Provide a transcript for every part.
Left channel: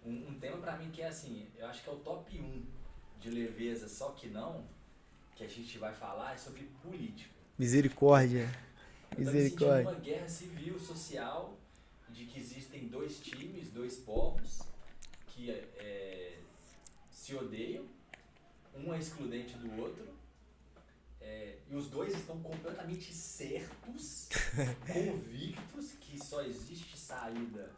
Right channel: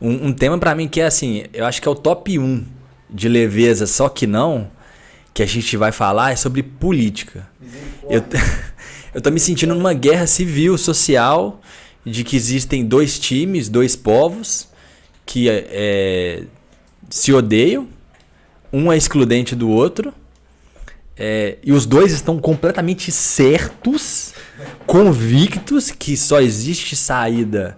Um tema pra mim que é assim, eu acho que é o top um de leveza, só que não, que a gente vai falar é sobre política. Misericórdia. Eu tô me sentindo numa guerra civil, social, de que existem dois times, dois povos que se odeiam, um é excludente do outro, e os dois estão completamente certos, convictos que só existe saída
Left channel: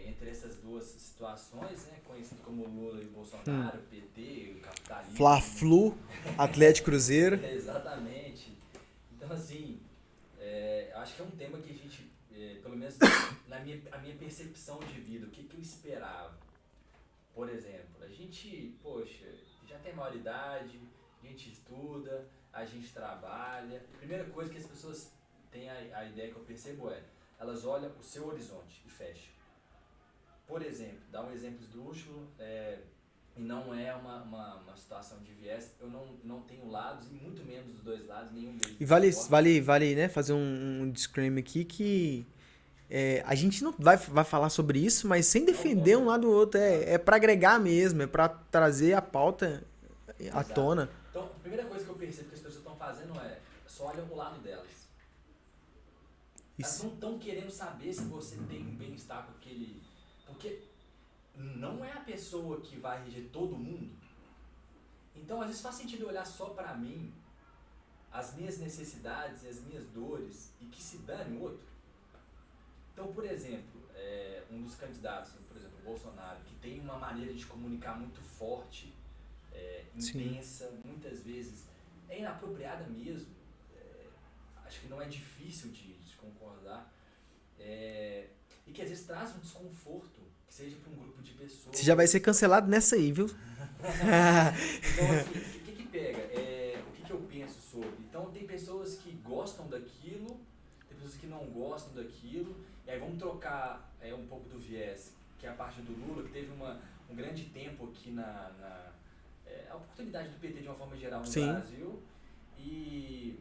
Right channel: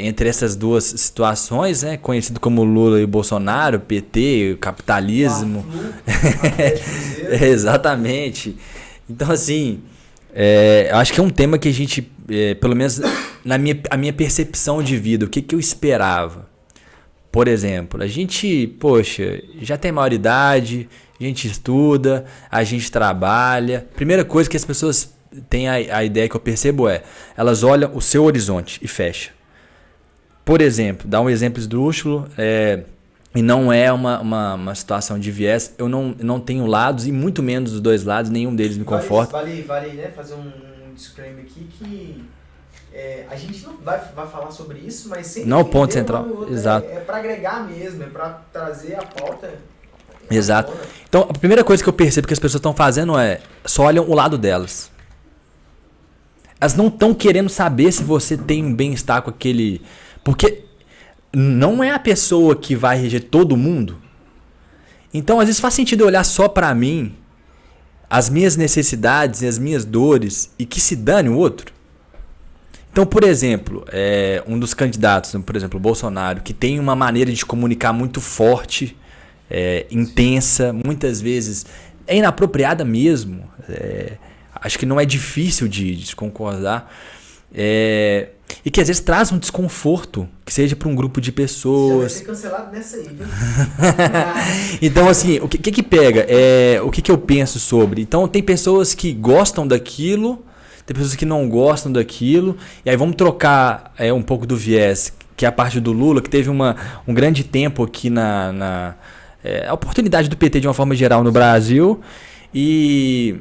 entre essas duas situações, né? Conhecido como Lula e Bolsonaro, PT, capitalismo. Fla-Flu, Atlético Cruzeiro. Exatamente. Então, assim, eu acho que é um tema que a gente, pelo menos a minha percepção de vida, o que eu esperava. Por exemplo, a gente, poxa, já tem maioridade, a gente estuda, a gente trabalha. Primeira coisa que as pessoas têm a ideia que eu percebo elas olham o seu horizonte e fecham. Por exemplo, dá um exemplo esdrúxulo, e não é uma situação de viés, eu não tenho lados e muito menos dos dois lados, nenhum deles me conforta. Vale, né, fazer um disclaimer aqui que a gente não vai falar sobre isso, mas sem não defender ponto central. Um outro. Exato. É para agregar mesmo, é para trazer a pauta. Exato. Então, a primeira coisa que eu percebo que as pessoas estão fazendo só olham o lado delas. Elas não estão querendo saber se você tem um bem-estar com aquele... Porque não é a pessoa que vai reger todo mundo. Então, às vezes faz sentido eu olhar só para mim, as minhas necessidades e as minhas dores, e que se dane o outro. Então, por exemplo, um dos candidatos, por exemplo, o Bolsonaro, que tem uma maneira de comunicar muito forte, intensa, muitas vezes é inapropriada mesmo. Acho que não é difícil de concordar. E que às vezes traz um desconforto, que seja para um grupo de pessoas. Você já vai ser cancelado nessa aí, viu? Então, assim, o que pega? O que eu penso sobre? Então, tem pessoas que gostam daquilo, tem pessoas que não gostam daquilo, e aí vamos trocar um pouco do viés, que é a parte do Lula, que teve um grande tempo aqui a oportunidade do PT de uma forma geral no Brasil, e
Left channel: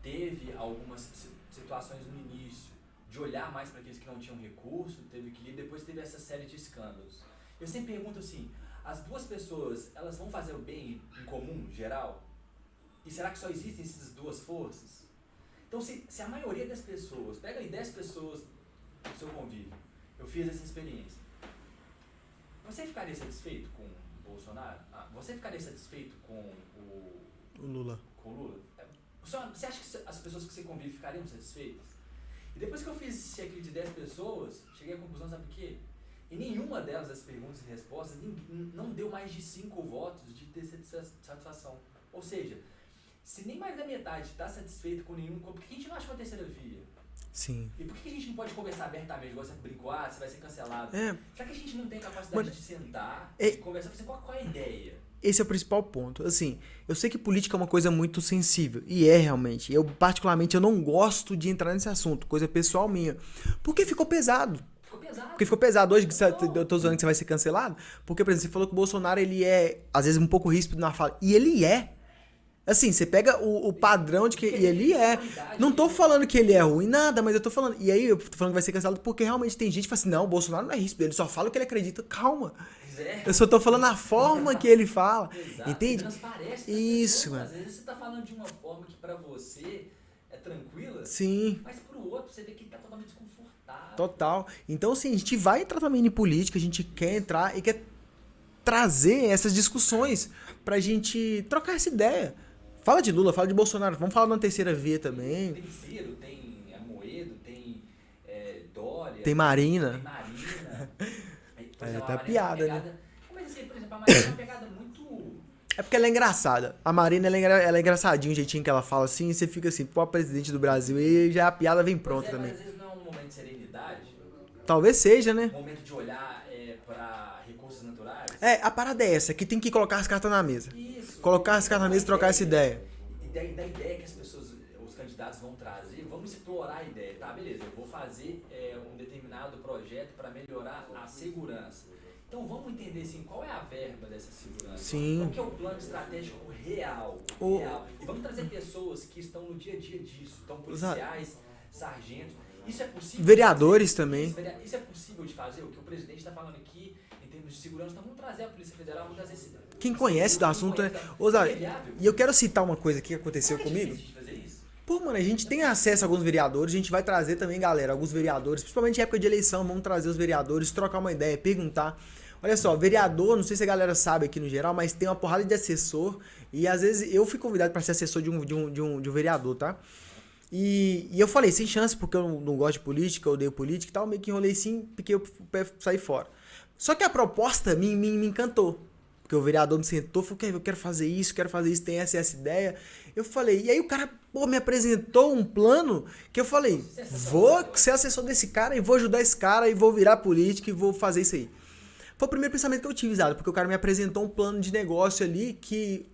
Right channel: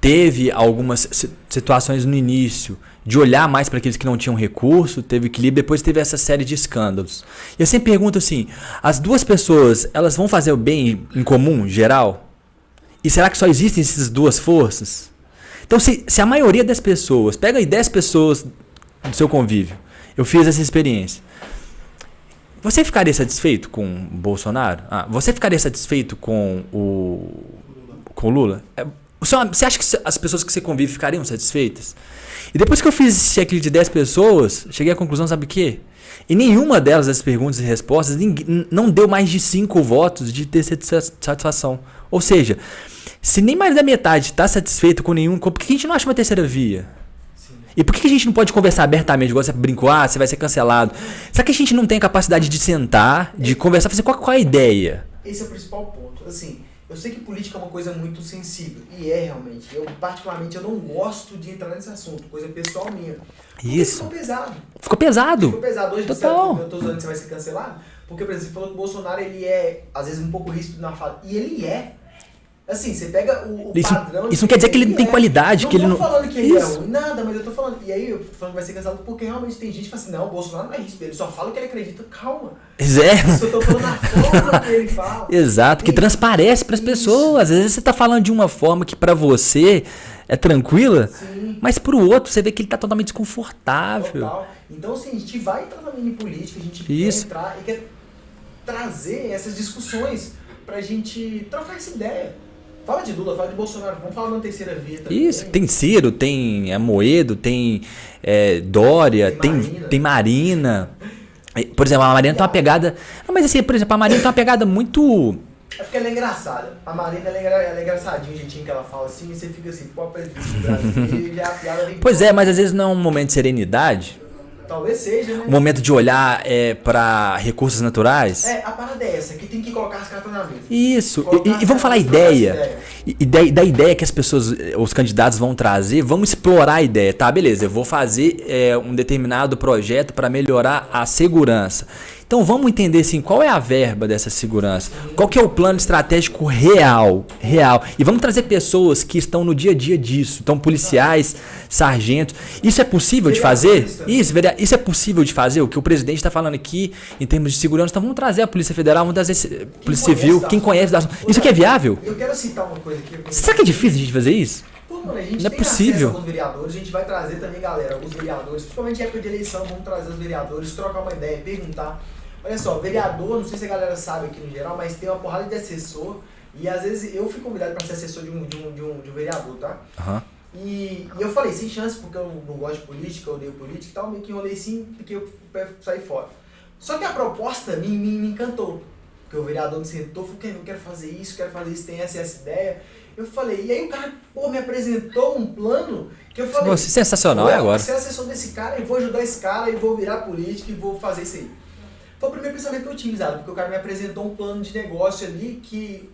teve algumas situações no início de olhar mais para aqueles que não tinham recurso, teve equilíbrio, depois teve essa série de escândalos. E eu sempre pergunto assim, as duas pessoas, elas vão fazer o bem em comum, geral? E será que só existem essas duas forças? Então, se a maioria das pessoas, pega aí 10 pessoas do seu convívio, eu fiz essa experiência, você ficaria satisfeito com o Bolsonaro? Você ficaria satisfeito com o Lula? Você acha que as pessoas que você convive ficariam satisfeitas? E depois que eu fiz esse checklist de 10 pessoas, cheguei à conclusão, sabe o quê? E nenhuma delas, das perguntas e respostas, não deu mais de 5 votos de ter satisfação. Ou seja, se nem mais da metade está satisfeito com nenhum, por que a gente não acha uma terceira via? Sim. E por que a gente não pode conversar abertamente? Igual você brincou, você vai ser cancelado. Será que a gente não tem a capacidade de sentar, de conversar, fazer qual é a ideia? Esse é o principal ponto. Assim, eu sei que política é uma coisa muito sensível, e é realmente. Eu, particularmente, eu não gosto de entrar nesse assunto, coisa pessoal minha. Porque ficou pesado. Ficou pesado. Ficou pesado. Hoje Total. eu tô usando que você vai ser cancelado, porque, por exemplo, você falou que o Bolsonaro, ele é, às vezes, um pouco ríspido na fala. E ele é. Assim, você pega o padrão de... Isso não quer dizer que ele não tem qualidade. Não que tô ele não... falando que ele é ruim, nada, mas eu tô falando... E aí eu tô falando que vai ser cancelado porque realmente tem gente que fala assim, não, o Bolsonaro não é ríspido, ele só fala o que ele acredita. Calma. Eu só tô falando a forma que ele fala. Exato, que transparece pras pessoas. Às vezes você tá falando de uma forma que pra você é tranquila, sim, mas pro outro você vê que ele tá totalmente desconfortável. Total. Então, assim, a gente vai entrar também em política, a gente quer entrar e quer trazer essas discussões pra gente trocar essa ideia. Fala de Lula, fala de Bolsonaro, vamos falar na terceira via também. Isso, tem Ciro, tem Amoedo, tem Dória, tem Marina. Por exemplo, a Marina tem uma pegada... Não, mas assim, por exemplo, a Marina tem uma pegada muito... É porque ela é engraçada. A Marina, ela é engraçadinha, o jeitinho que ela fala assim, e você fica assim, pô, presidente do Brasil, e já a piada vem... Pois é, mas às vezes não é um momento de serenidade. Talvez seja, né? Um momento de olhar para recursos naturais. A parada é essa, que tem que colocar as cartas na mesa. Isso. E vamos falar ideia. E da ideia que as pessoas, os candidatos vão trazer, vamos explorar a ideia. Tá, beleza, eu vou fazer um determinado projeto para melhorar a segurança. Então vamos entender assim, qual é a verba dessa segurança? Sim. Qual que é o plano estratégico real? E vamos trazer pessoas que estão no dia a dia disso. Então, policiais, sargentos. Isso é possível de fazer? Isso é possível de fazer? O que o presidente está falando aqui em termos de segurança. Então vamos trazer a Polícia Federal, vamos trazer a Polícia Civil, quem conhece da assunto. Isso aqui é viável? E eu quero citar uma coisa aqui. Será que é difícil a gente fazer isso? Pô, mano, a gente não tem é possível. acesso a alguns vereadores, a gente vai trazer também, galera, alguns vereadores, principalmente em época de eleição, vamos trazer os vereadores, trocar uma ideia, perguntar. Olha só, vereador, não sei se a galera sabe aqui no geral, mas tem uma porrada de assessor, e às vezes eu fui convidado para ser assessor de um vereador, tá? Uhum. E eu falei, sem chance, porque eu não gosto de política, eu odeio política e tal, meio que enrolei sim, porque eu saí fora. Só que a proposta me encantou, porque o vereador me sentou, falou, eu quero fazer isso, tem essa ideia. Eu falei, e aí o cara, me apresentou um plano que eu falei... Você sensacional agora. Vou ser assessor desse cara e vou ajudar esse cara e vou virar político e vou fazer isso aí. Foi o primeiro pensamento que eu tive, Zado, porque o cara me apresentou um plano de negócio ali que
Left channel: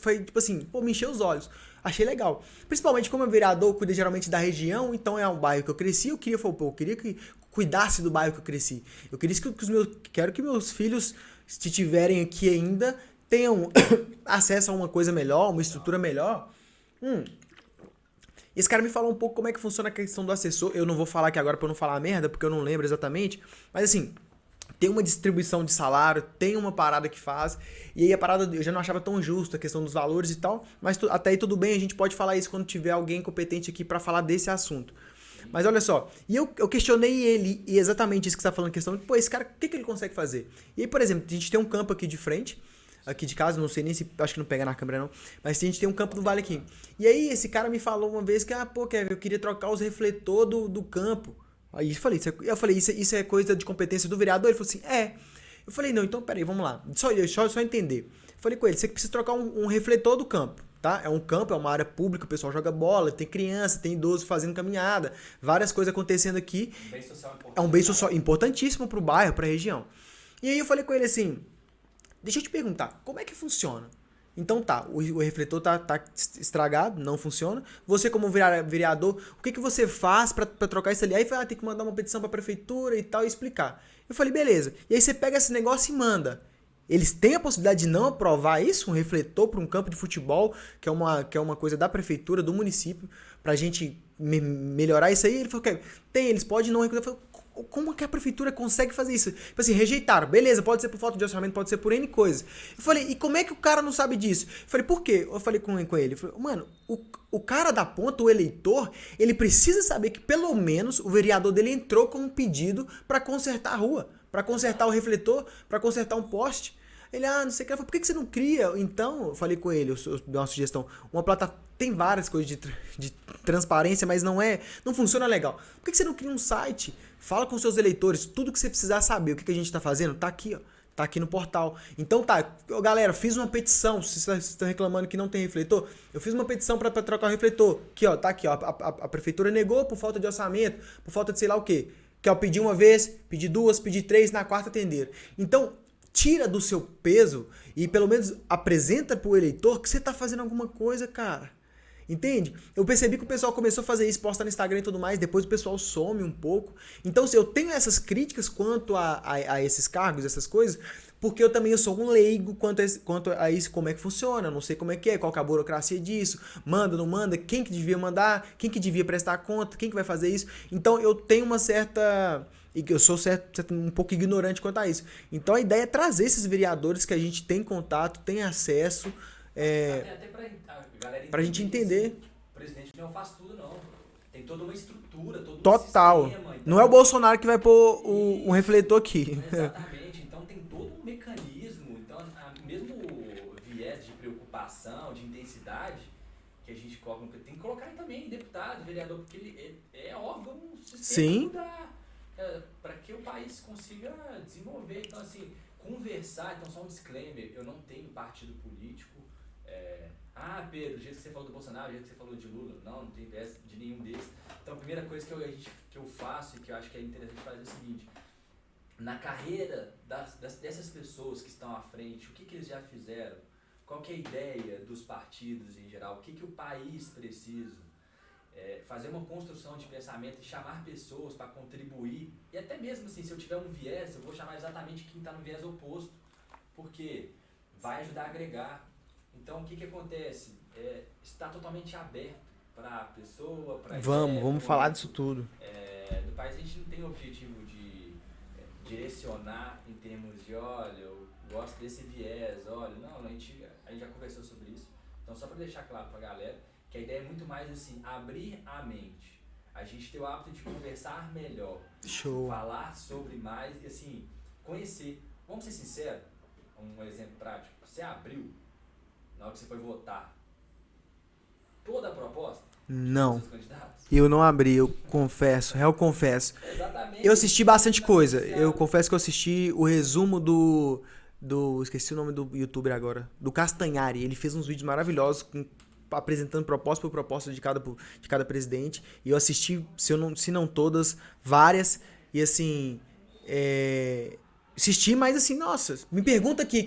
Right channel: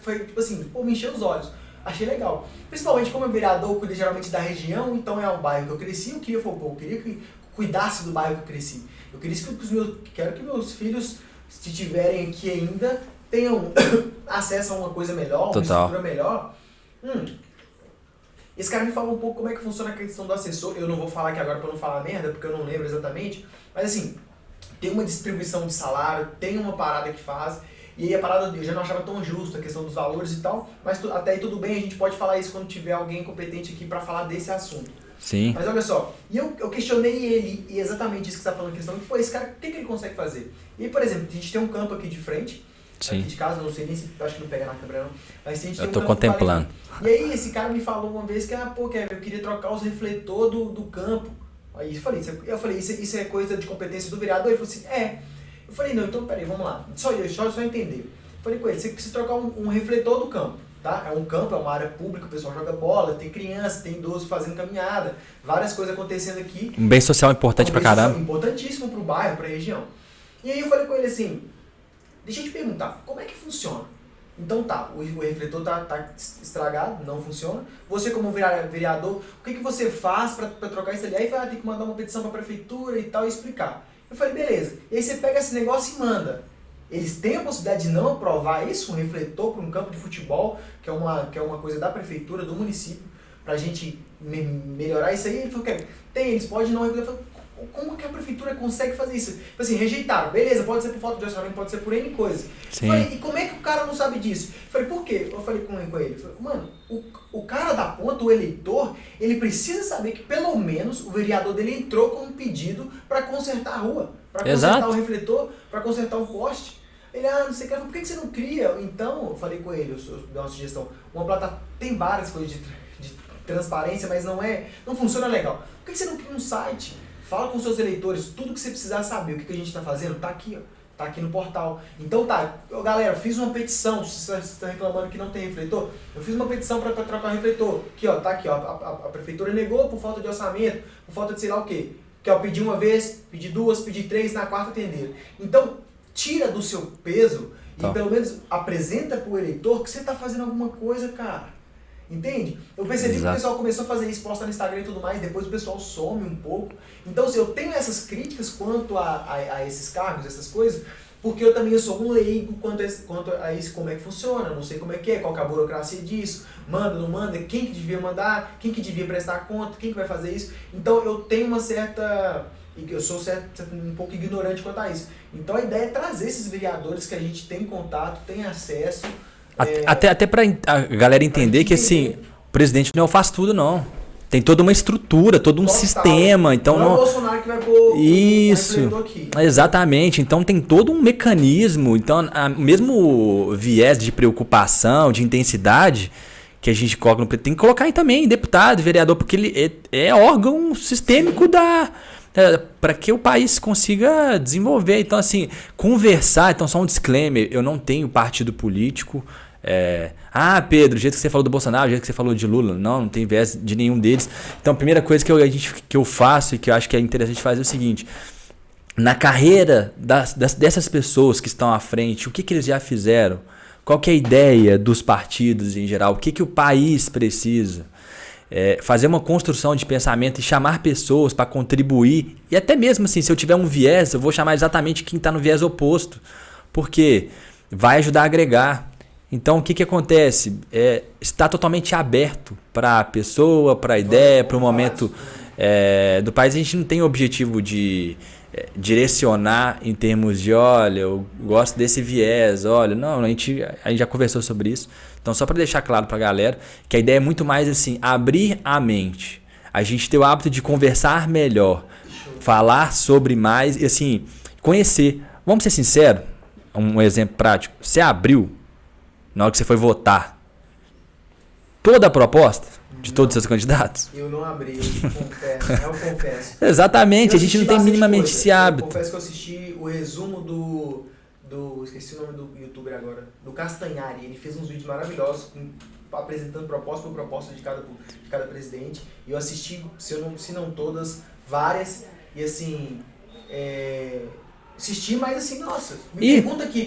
foi tipo assim, me encheu os olhos. Achei legal. Principalmente como vereador, eu cuido geralmente da região, então é um bairro que eu cresci, eu queria que cuidasse do bairro que eu cresci. Eu quero que meus filhos, se tiverem aqui ainda... tenham acesso a uma coisa melhor, uma estrutura melhor. Esse cara me falou um pouco como é que funciona a questão do assessor. Eu não vou falar aqui agora para não falar merda, porque eu não lembro exatamente. Mas assim, tem uma distribuição de salário, tem uma parada que faz. E aí a parada eu já não achava tão justa a questão dos valores e tal. Mas até aí tudo bem, a gente pode falar isso quando tiver alguém competente aqui para falar desse assunto. Sim. Mas olha só, e eu questionei ele, e exatamente isso que você está falando, a questão, pô, esse cara, o que ele consegue fazer? E aí, por exemplo, a gente tem um campo aqui de frente, Sim. aqui de casa, não sei nem se, acho que não pega na câmera não, mas a gente tem eu um tô campo contemplando. E aí esse cara me falou uma vez que, Kevin, eu queria trocar os refletores do campo. Aí eu falei, isso é coisa de competência do vereador? Ele falou assim, é. Eu falei, não, então peraí, vamos lá, só entender. Eu falei com ele, você precisa trocar um refletor do campo. Tá? É um campo, é uma área pública, o pessoal joga bola, tem criança, tem idoso fazendo caminhada, várias coisas acontecendo aqui. Um bem social importante pra caramba. Importantíssimo pro bairro, pra região. E aí eu falei com ele assim, deixa eu te perguntar, como é que funciona? Então tá, o refletor tá estragado, não funciona. Você como vereador, o que você faz pra trocar isso ali? Aí tem que mandar uma petição pra prefeitura e tal e explicar. Eu falei, beleza. E aí você pega esse negócio e manda. Eles têm a possibilidade de não aprovar isso, um refletor para um campo de futebol, que é uma coisa da prefeitura, do município, para a gente melhorar isso aí? Ele falou que tem, eles podem não refletor. Como que a prefeitura consegue fazer isso? Assim, rejeitaram. Beleza, pode ser por falta de orçamento, pode ser por N coisas. Eu falei, e como é que o cara não sabe disso? Eu falei, por quê? Eu falei com ele. Eu falei, mano, o cara da ponta, o eleitor, ele precisa saber que pelo menos o vereador dele entrou com um pedido para consertar a rua, para consertar o refletor, para consertar um poste. Ele, não sei o que. Eu falei, por que você não cria? Então, eu falei com ele, eu dei uma sugestão. Uma plataforma, tem várias coisas de transparência, mas não funciona legal. Por que você não cria um site? Fala com seus eleitores, tudo que você precisar saber, o que a gente está fazendo, tá aqui, ó. Tá aqui no portal. Então tá, galera, fiz uma petição, se vocês estão reclamando que não tem refletor, eu fiz uma petição para trocar o refletor. Aqui, ó, tá aqui, ó. A prefeitura negou por falta de orçamento, por falta de sei lá o quê. Que eu pedi uma vez, pedi duas, pedi três, na quarta atenderam. Então, tira do seu peso e pelo menos apresenta pro eleitor que você tá fazendo alguma coisa, cara. Entende? Eu percebi que o pessoal começou a fazer isso, posta no Instagram e tudo mais, depois o pessoal some um pouco. Então, eu tenho essas críticas quanto a esses cargos, essas coisas, porque eu sou um leigo quanto a isso, como é que funciona, não sei como é que é, qual que é a burocracia disso, manda, não manda, quem que devia mandar, quem que devia prestar conta, quem que vai fazer isso. Então, eu tenho uma certa... e que eu sou um pouco ignorante quanto a isso. Então, a ideia é trazer esses vereadores que a gente tem contato, tem acesso... Até pra a galera entender que assim, o presidente não faz tudo, não. Tem toda uma estrutura, todo um sistema. Então, não é o Bolsonaro que vai pôr um refletor aqui. Exatamente. Então tem todo um mecanismo. Então, mesmo viés de preocupação, de intensidade que a gente coloca no presidente, tem que colocar aí também deputado, vereador, porque ele é órgão sistêmico para que o país consiga desenvolver. Então, assim, conversar. Então, só um disclaimer: eu não tenho partido político. Pedro, o jeito que você falou do Bolsonaro, o jeito que você falou de Lula, não tem viés de nenhum deles. Então, a primeira coisa que eu faço e que eu acho que é interessante fazer é o seguinte: na carreira dessas pessoas que estão à frente, o que eles já fizeram? Qual que é a ideia dos partidos em geral? O que o país precisa? fazer uma construção de pensamento e chamar pessoas para contribuir. E até mesmo assim, se eu tiver um viés, eu vou chamar exatamente quem está no viés oposto. Porque vai ajudar a agregar. Então, o que acontece? Está totalmente aberto para a pessoa, para a ideia, para o momento do país. A gente não tem o objetivo de direcionar em termos de, olha, eu gosto desse viés, olha, não, a gente já conversou sobre isso. Então, só para deixar claro para a galera que a ideia é muito mais assim, abrir a mente, a gente ter o hábito de conversar melhor, falar sobre mais e assim, conhecer. Vamos ser sinceros, um exemplo prático, você abriu, na hora que você foi votar, toda a proposta de todos os seus candidatos? Eu não abri, eu confesso. Exatamente, a gente não tem minimamente esse hábito. Eu confesso que eu assisti o resumo do esqueci o nome do youtuber agora, do Castanhari. Ele fez uns vídeos maravilhosos apresentando proposta por proposta de cada presidente. E eu assisti, se não todas, várias. E assim, assisti, mas assim, nossa, pergunta aqui,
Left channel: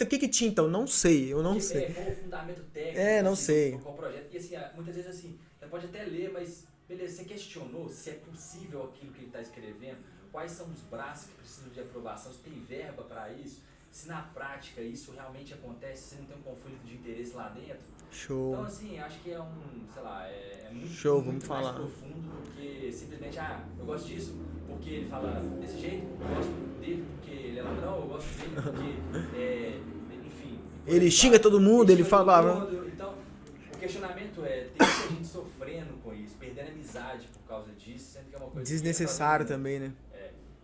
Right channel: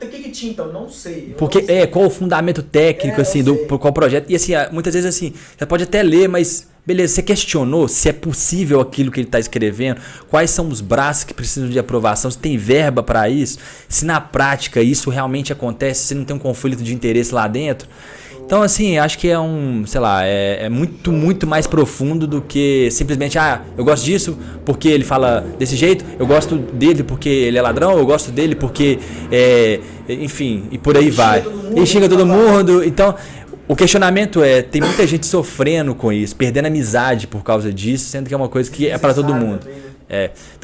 o que tinha então? Não sei. Porque não sei. Qual o fundamento técnico assim, por qual projeto? E assim, muitas vezes assim, você pode até ler, mas beleza, você questionou se é possível aquilo que ele está escrevendo? Quais são os braços que precisam de aprovação? Se tem verba para isso? Se na prática isso realmente acontece? Se não tem um conflito de interesse lá dentro? Então, assim, acho que é muito mais profundo do que simplesmente, eu gosto disso porque ele fala desse jeito, eu gosto dele porque ele é ladrão, eu gosto dele porque, enfim, e por aí vai. Ele xinga todo mundo. Então, o questionamento tem muita gente sofrendo com isso, perdendo amizade por causa disso, sendo que é uma coisa que é para todo mundo. Também, né?